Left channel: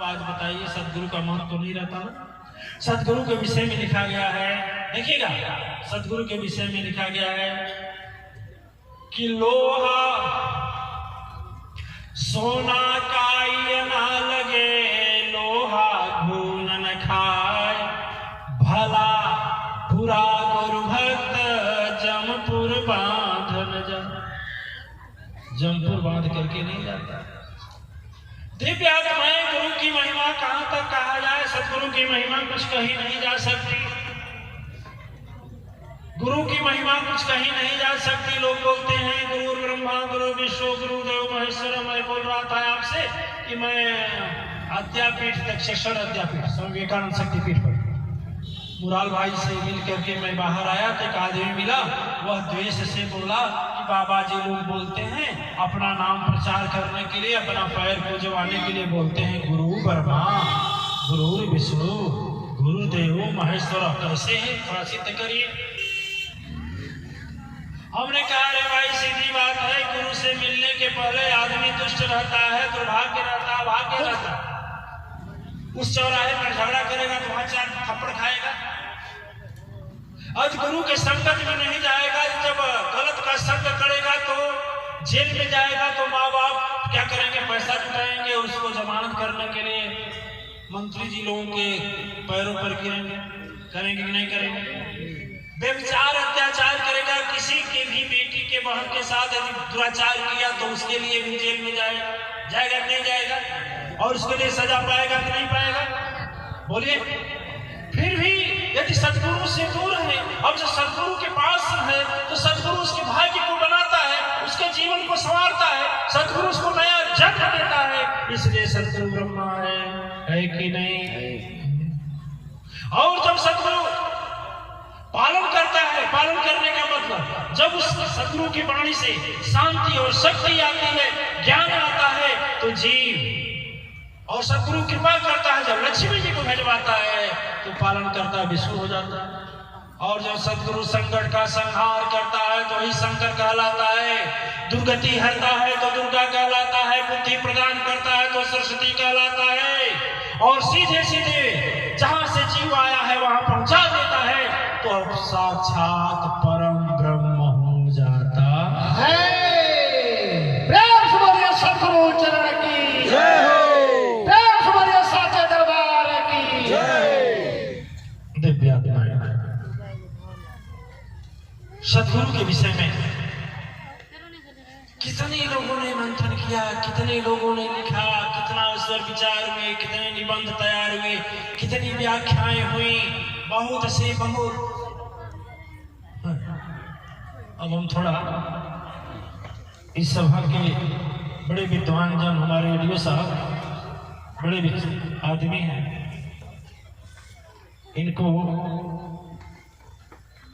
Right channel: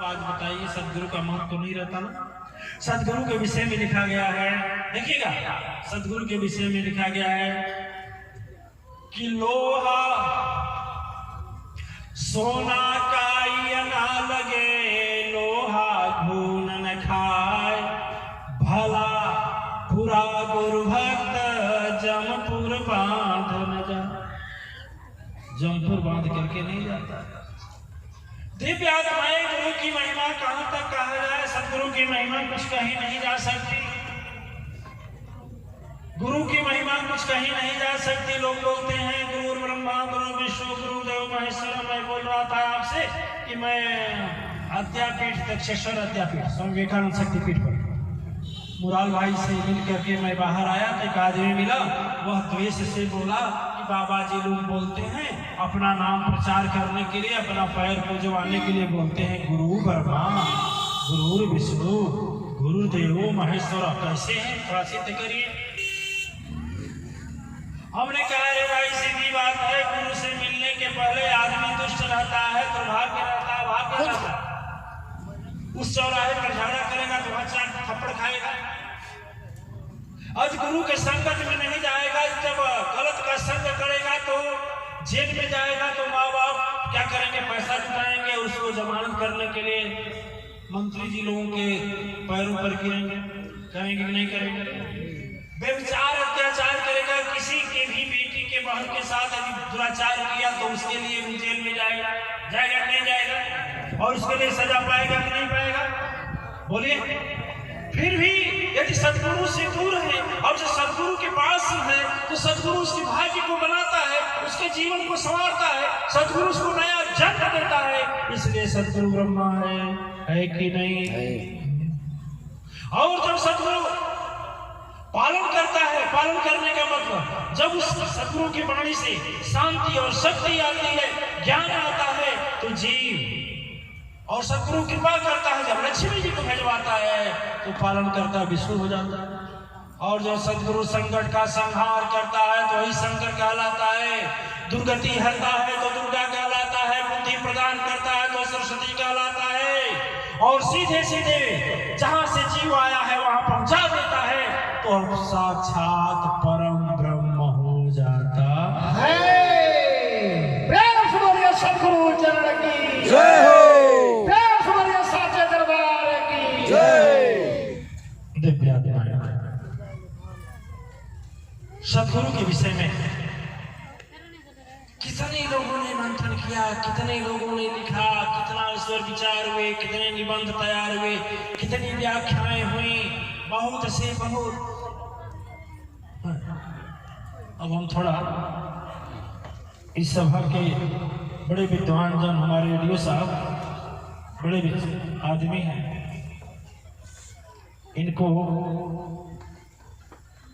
आज बताइए सदगुरु का महत्व तो नहीं रहता। सदगुरु के विषय में लिखा गया है, देखिएगा सदगुरु के विषय में लिखा गया है कि लोहा सोना काई ना लगे, लोहा घून न खाए, भला बुरा गुरु भक्त जमपुर बांध न जा। जमपुर बांध करके नहीं जाता। दिव्य आत्माएं गुरु की महिमा कहां तक कहा जाए, सदगुरु की महिमा कुछ कहीं नहीं जा सकती। गुरु की महिमा कुछ कहीं नहीं जा सकती। लोग बोलते हैं गुरु ब्रह्मा गुरु विष्णु गुरुदेव महेश्वर। मैं बोल रहा था आपसे कि मैं अद्यापीठ दक्षेश्वर अद्यापीठ स्वामी विवेकानंद शक्तिपीठ पर मुराल भाई से मिल करके मैं बाहर आया तो एक आदमी मिला। वह द्वेष से बोला कि बाबा जी लोग बोलते हैं अपना नाम प्रचार करने के लिए, अपना पैर पूजवाने के लिए बोलते हैं गुरु ब्रह्मा गुरु विष्णु गुरुदेव महेश्वर। कैसे हैं थोड़ा सिद्ध करिए। हमने कहा अरे भाई सीधी बात है, गुरु से मिलने के पहले आदमी दुष्ट रहता है, दुर्भाग्य रहता है, भाग्य रहता है। उस चौराहे पर झगड़ा करेगा तो वहां चार थप्पड़ खाएगा। आज गुरु के संगत में नहीं जाएगा, जब गलत का संग करेगा तो जेल में जाएगा तो माँ बाप क्या करेंगे, पैसा जुटाएंगे और उसको जमानत करने के लिए मंत्री जी लोगों के पैरों पर गिरेंगे। करेंगे कि नहीं करेंगे? व्यभिचार अत्याचार करेगा, किसी की भी बेटी के बहन के साथ यदि दुराचार किया तो उसके लिए भी जेल में जाएगा। जाएगा नहीं जाएगा? और उसके लिए सजा पाएगा कि नहीं पाएगा? बोलिए। फिर भी यदि सदगुरु से दूर है और जो सदगुरु के पास है तो सदगुरु उसके भाग्य को बनाता है, उसके जीवन को संवारता है, सदगुरु उसको नया जन्म देता है। इसलिए सदगुरु ब्रह्मा है कि नहीं? और जब सदगुरु पालन करता है, पालन करने का मतलब जब उस सदगुरु की वाणी से शांति और शक्ति आती है, ज्ञान आता है तो जीव और सदगुरु कृपा करता है, जब लक्ष्मी जी को भिजवाता है तो पालन करता विष्णु हो जाता है। और जब सदगुरु संकट का संहार करता है तो वही शंकर कहलाता है, दुर्गति हरता है तो दुर्गा कहलाता है, बुद्धि प्रदान करता है तो सरस्वती कहलाता है, और सीधे सीधे जहां से जीव आया है वहां पहुंचा देता है तो साक्षात परम ब्रह्म हो जाता है। सदगुरु चरण की जय हो, साचे दरबार की जय। दिव्य सदगुरु के विषय में कितने लोगों ने मंथन किया, कितने लोगों ने लिखा, कितना उस पर विचार हुए, कितने निबंध तैयार हुए, कितनी व्याख्याएं हुई, बहुत से बहुत। अब हम थोड़ा इस सभा के बड़े विद्वान जन हमारे रेडियो साहब बड़े आदमी हैं, इनको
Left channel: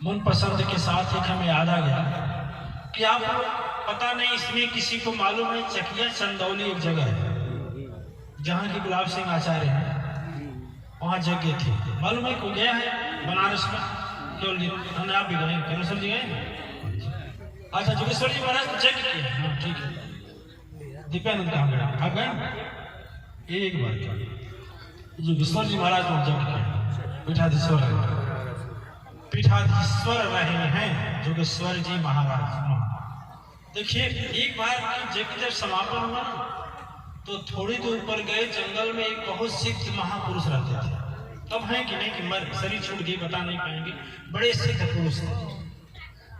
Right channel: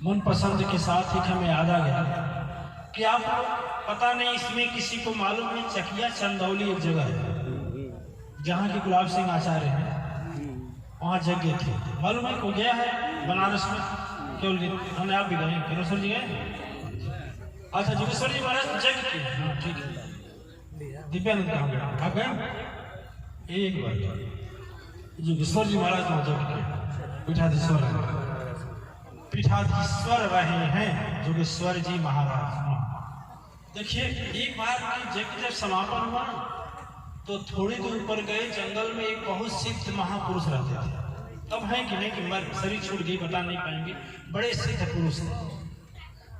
मन पसंद के साथ एक हमें याद आ गया कि आप पता नहीं इसमें किसी को मालूम है, चकिया चंदौली एक जगह है जहाँ की गुलाब सिंह आचार्य हैं, वहाँ यज्ञ थे। मालूम है को गया है बनारस में? केवल हमने आप भी गए, जोगेश्वर जी गए? अच्छा जोगेश्वर जी महाराज यज्ञ किया, ठीक है। दीपानंद कहाँ गए? आप गए? एक बार जोगेश्वर जी महाराज ने यज्ञ किया, पीठाधीश्वर रहे हैं जोगेश्वर जी महाराज। देखिए एक बार यज्ञ जब समापन हुआ तो थोड़ी दूर पर गए जंगल में एक बहुत सिद्ध महापुरुष रहते थे। तब है कि नहीं कि शरीर छूट गई बता नहीं पाएंगे, बड़े सिद्ध पुरुष थे।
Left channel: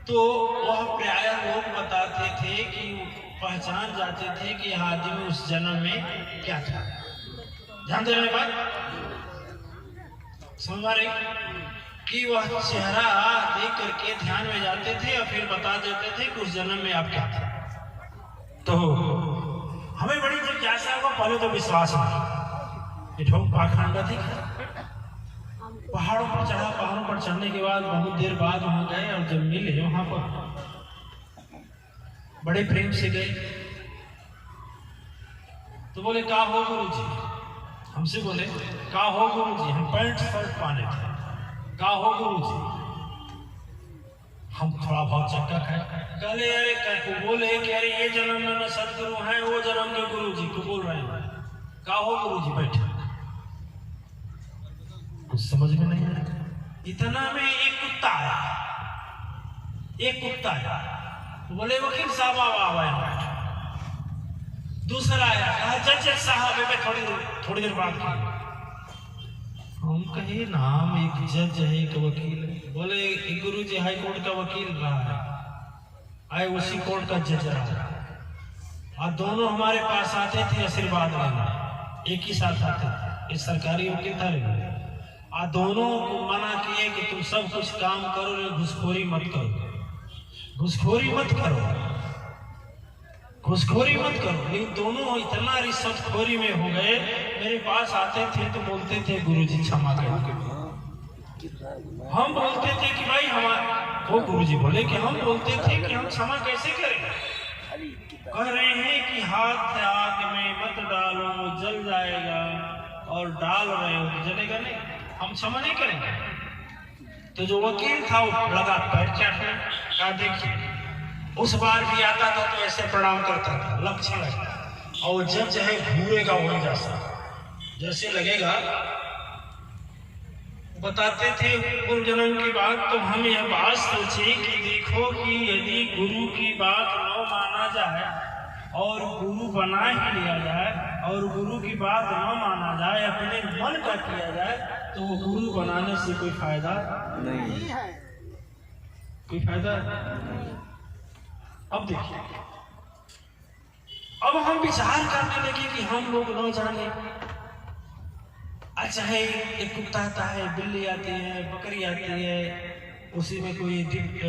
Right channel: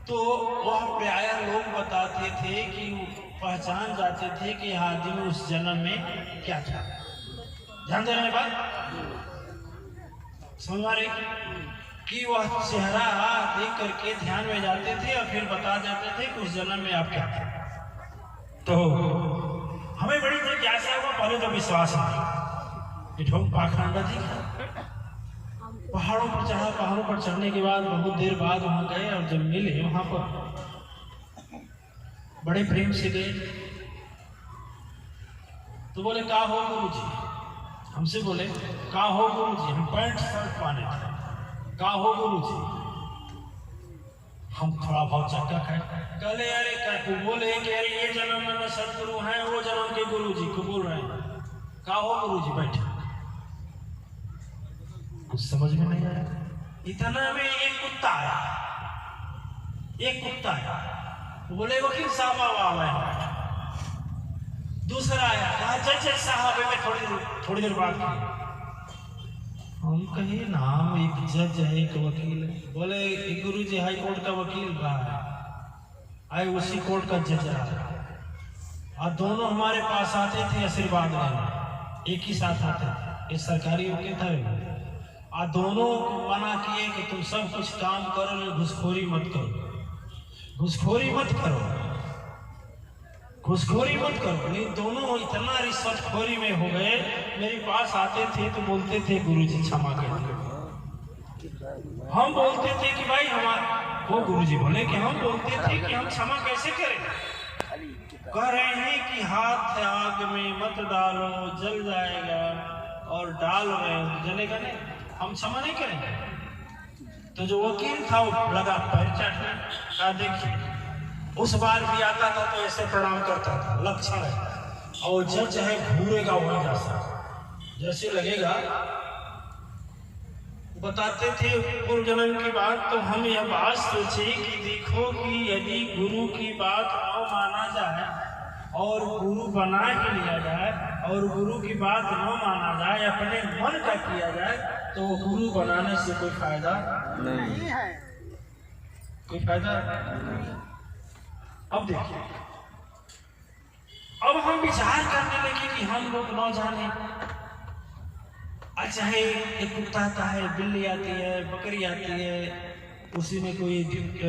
तो वह प्राय लोग बताते थे कि पहचान जाते थे कि आदमी उस जन्म में क्या था। ध्यान दे रहे बात समझ रहे कि वह चेहरा देख करके ध्यान में जाते थे और फिर बता देते थे कि उस जन्म में आप क्या थे। तो हमें बड़ी जिज्ञासा हुआ, पहले तो विश्वास नहीं, पाखंड थी। पहाड़ों पर चढ़ा, पहाड़ों पर चढ़ने के बाद बहुत देर बाद वहां गए और जब मिले वहां पर बड़े प्रेम से गए तो बोले का हो गुरु जी? हमसे बोले का हो गुरु जी? हम पैंट शर्ट पहने थे। का हो गुरु जी? हम थोड़ा बहुत चक्का खाए, कहले अरे बोले कि अरे ये जन्म में न सदगुरु है, वो जन्म के गुरु जी को बोल रहे हैं। का हो गुरु जी बैठे, कुछ समझ में नहीं आया। इतना में एक कुत्ता आया, तो बोले वकील साहब आवा। दूसरा आया, कहा जज साहब में थोड़ी देर बात की। हम कहे नाम एक जज है एक वकील है। बोले गुरु जी हाई कोर्ट का वकील रहा है, आए उसी कोर्ट का जज रहा है, और दोनों हमारे पास आते थे आशीर्वाद लेने, एक ही साथ आते थे। ये सरकारी वकील था, और दोनों को मना किए कि तुम सब कुछ काम करो, घुसखोरी मत करो, घुसखोरी मत करो, घुसखोरी मत करो। ये दोनों इतना रिश्वतखोरी में हो गए, मेरे पास आते थे तो बोलते थे गुरुजी क्षमा कर। हम बोलते थे कि भाई हमारा, वो गुरुजी बोले कि हम बोलते थे कि हम क्षमा कैसे करें। कह रहे हैं कि हाथ आग में मत डालो जल जाएगा, और डाल रहे हो तो जलेगा नहीं, हम क्षमा नहीं करेंगे। तो जो वकील था वो लगा पैर चाटने का। देखिए उस बार भी आता था तो ऐसे प्रणाम करता था, लक्षण है। और जज है घूरेगा वहां जैसा, जैसे लगेगा। बताते थे पूर्व जन्म की बात, तो हम यह बात सोचे कि देखो कि यदि गुरु की बात न माना जाए और गुरु बना ही लिया जाए, और गुरु की बात न माना जाए, अपने मन का किया जाए, तो गुरु बनाने से कोई फायदा नहीं है, कोई फायदा। अब देखिए, अब हम विचार करने लगे कि हम लोग न जाने, अच्छा है एक कुत्ता आता है, बिल्ली आती है, बकरी आती है, उसी में कोई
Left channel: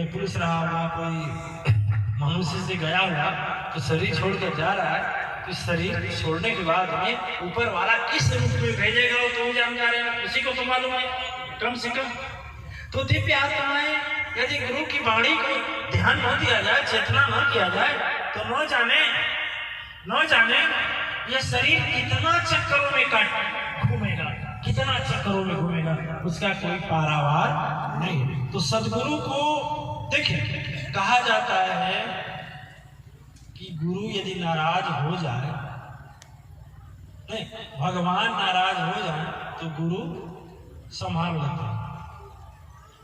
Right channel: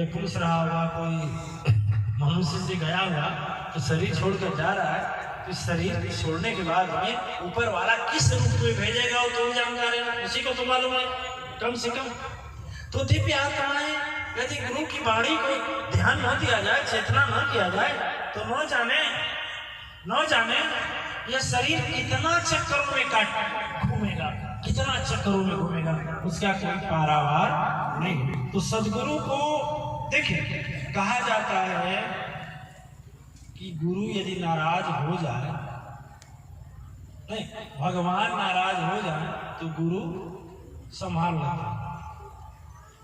पुरुष रहा होगा, कोई मनुष्य से गया होगा, तो शरीर छोड़ कर जा रहा है, तो शरीर छोड़ने के बाद में ऊपर वाला किस रूप में भेजेगा वो तो जानकार है, उसी को तो मालूम है कम से कम। तो दिव्य आत्माएं यदि गुरु की वाणी को ध्यान न दिया जाए, चेतना न किया जाए, तो न जाने यह शरीर कितना चक्करों में घूमेगा, कितना चक्करों में घूमेगा, उसका कोई पारावार नहीं। तो सदगुरु को देखिए, कहा जाता है कि गुरु यदि नाराज हो जाए, नहीं भगवान नाराज हो जाए तो गुरु संभाल लेता है,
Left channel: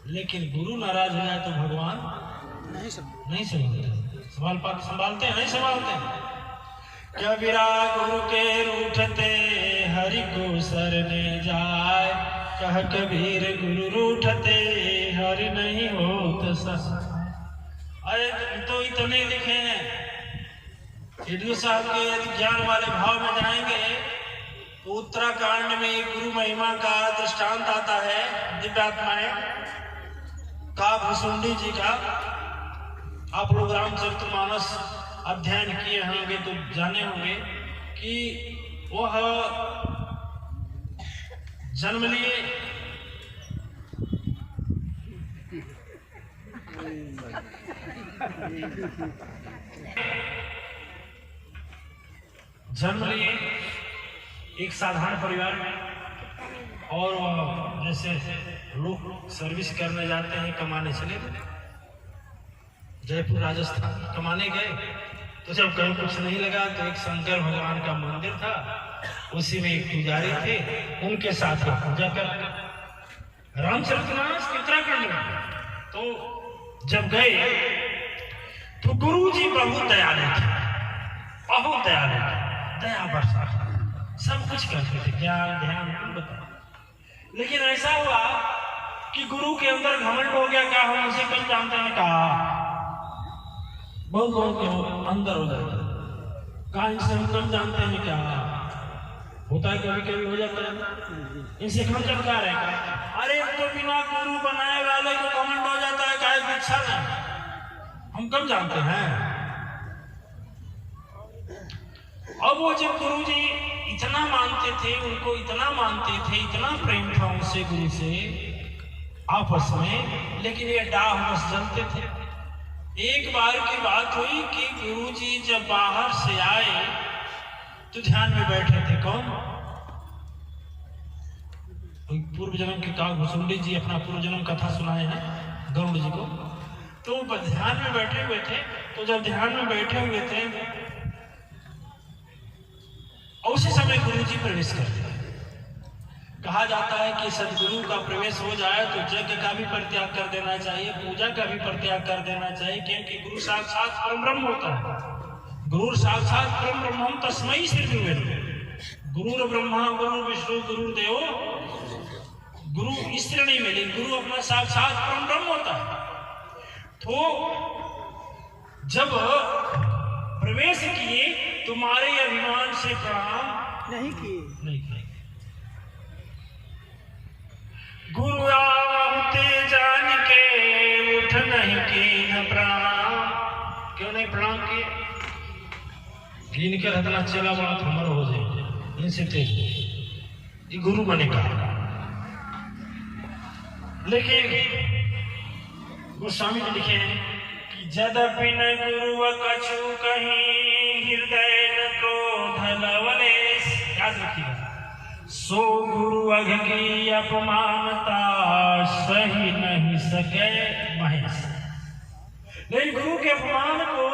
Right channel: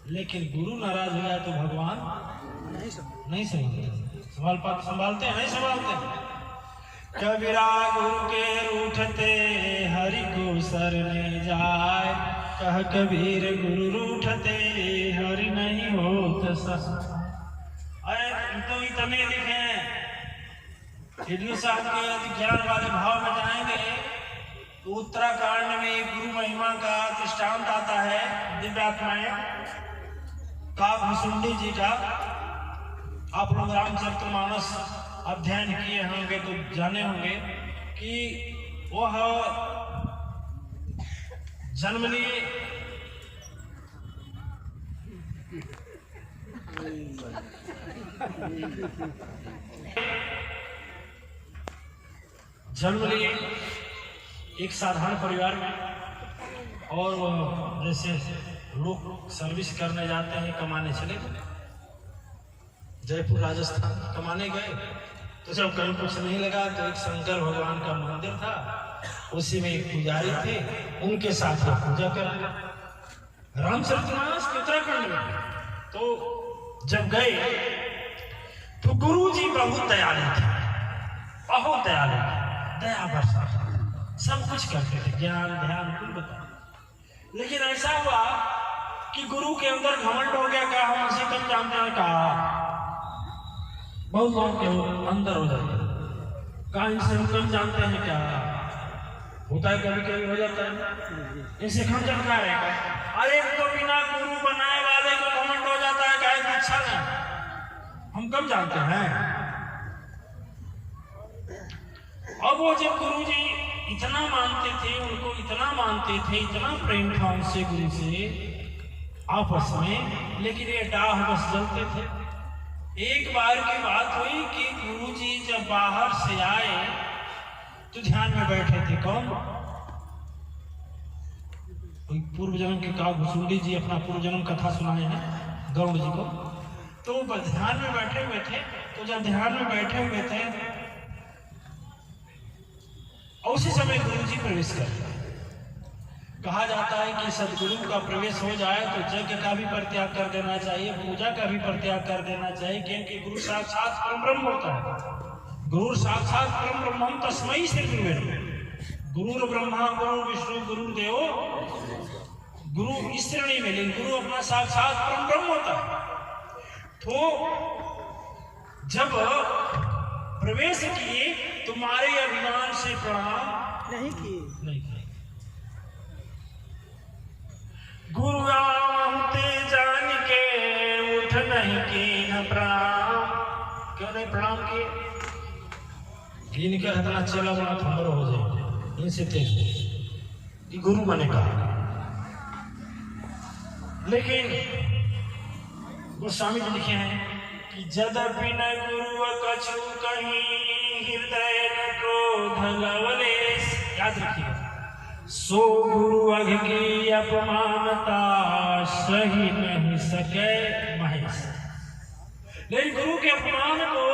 लेकिन गुरु नाराज हो जाए तो भगवान नहीं संभालते, संभालते हैं नहीं संभालते। कबीरा गुरु के रूठते हरि को सरने जाए, कह कबीर गुरु रूठते हरि नहीं होत सस। अरे तो इतने लिखे साहब के यदि ज्ञान वाले भाव में जाएंगे, उत्तराखंड में गुरु महिमा का दृष्टांत आता है, दिव्यात्माएं का भुसुंडी जी का। आप लोग रामचरितमानस अध्ययन किए होंगे तो जाने होंगे कि वह जन्म लिए एक साधारण परिवार में, और वह जैसे लोग सर्विस करने जाते हैं, कमाने चले गए जयपुर राजस्थान, कमाने गए। तो जब कहीं कुछ नहीं लगा तो एक शंकर भगवान का मंदिर था, उसी में एक पुजारी थे, उनके साथ पूजा कर रामचरितमानस उत्तराखंड में। तो जब गए तो गुरु जी बहुत दयालु थे, बहुत दयालु थे, दया बरसा, सब कुछ करते थे, ज्ञान ध्यान बता। लेकिन ऐसा हुआ कि गुरु के अंदर घमंड हो गया, क्या हम उसी कम जानते हैं, कहा बहुत लोगों के अंदर हो जाता है, कहा इनसे हम कम जानते हैं, क्या होता है, कभी कभी हो जाता है, इनसे कम जानकार है। अरे तो बिना गुरु बनाए वाले को घमंड हो जाता है, क्या इच्छा नहीं, हम कम जानते हैं। अब वो जब गुरु जी इतना मानते थे, उनको इतना मानते थे, इतना प्रेम था उनसे, गुरु से आपस में, लेकिन ये डाह बस जलते थे। एक बार की बात हुई कि गुरु जी जब बाहर से आए तो ध्यान में बैठे थे। कौन? पूर्व जन्म की कहा, भुसुंडी जी अपना पूर्व जन्म कथा सुनाए हैं गरुड़ जी को। तो ध्यान में बैठे हुए थे। तो जब ध्यान में बैठे हुए थे और उसी समय गुरु जी प्रवेश करते हैं। कहा जाता है कि सदगुरु का प्रवेश हो जाए तो यज्ञ का भी परित्याग कर देना चाहिए, पूजा का भी परित्याग कर देना चाहिए, क्योंकि गुरु साक्षात परब्रह्म होता है। गुरु साक्षात परब्रह्म तस्मै श्री गुरुवे, गुरु ब्रह्मा गुरु विष्णु गुरु देवो, गुरु इस तरह नहीं मिले, गुरु अपना साक्षात परब्रह्म होता है। तो जब प्रवेश किए तुम्हारे अभिमान से प्रणाम नहीं किए। गुरु आवते जान के उठ नहीं की न प्रणाम। क्यों नहीं प्रणाम किए? इनके हतला चला बड़ा थमर हो जाए इनसे तेज ये गुरु बने का। लेकिन गोस्वामी जी लिखे हैं कि जदपि न गुरु कछु कहीं हृदय न क्रोध लवलेश। याद रखिएगा, सो गुरु अघ की अपमानता सही नहीं सके महेश। लेकिन गुरु के अपमान को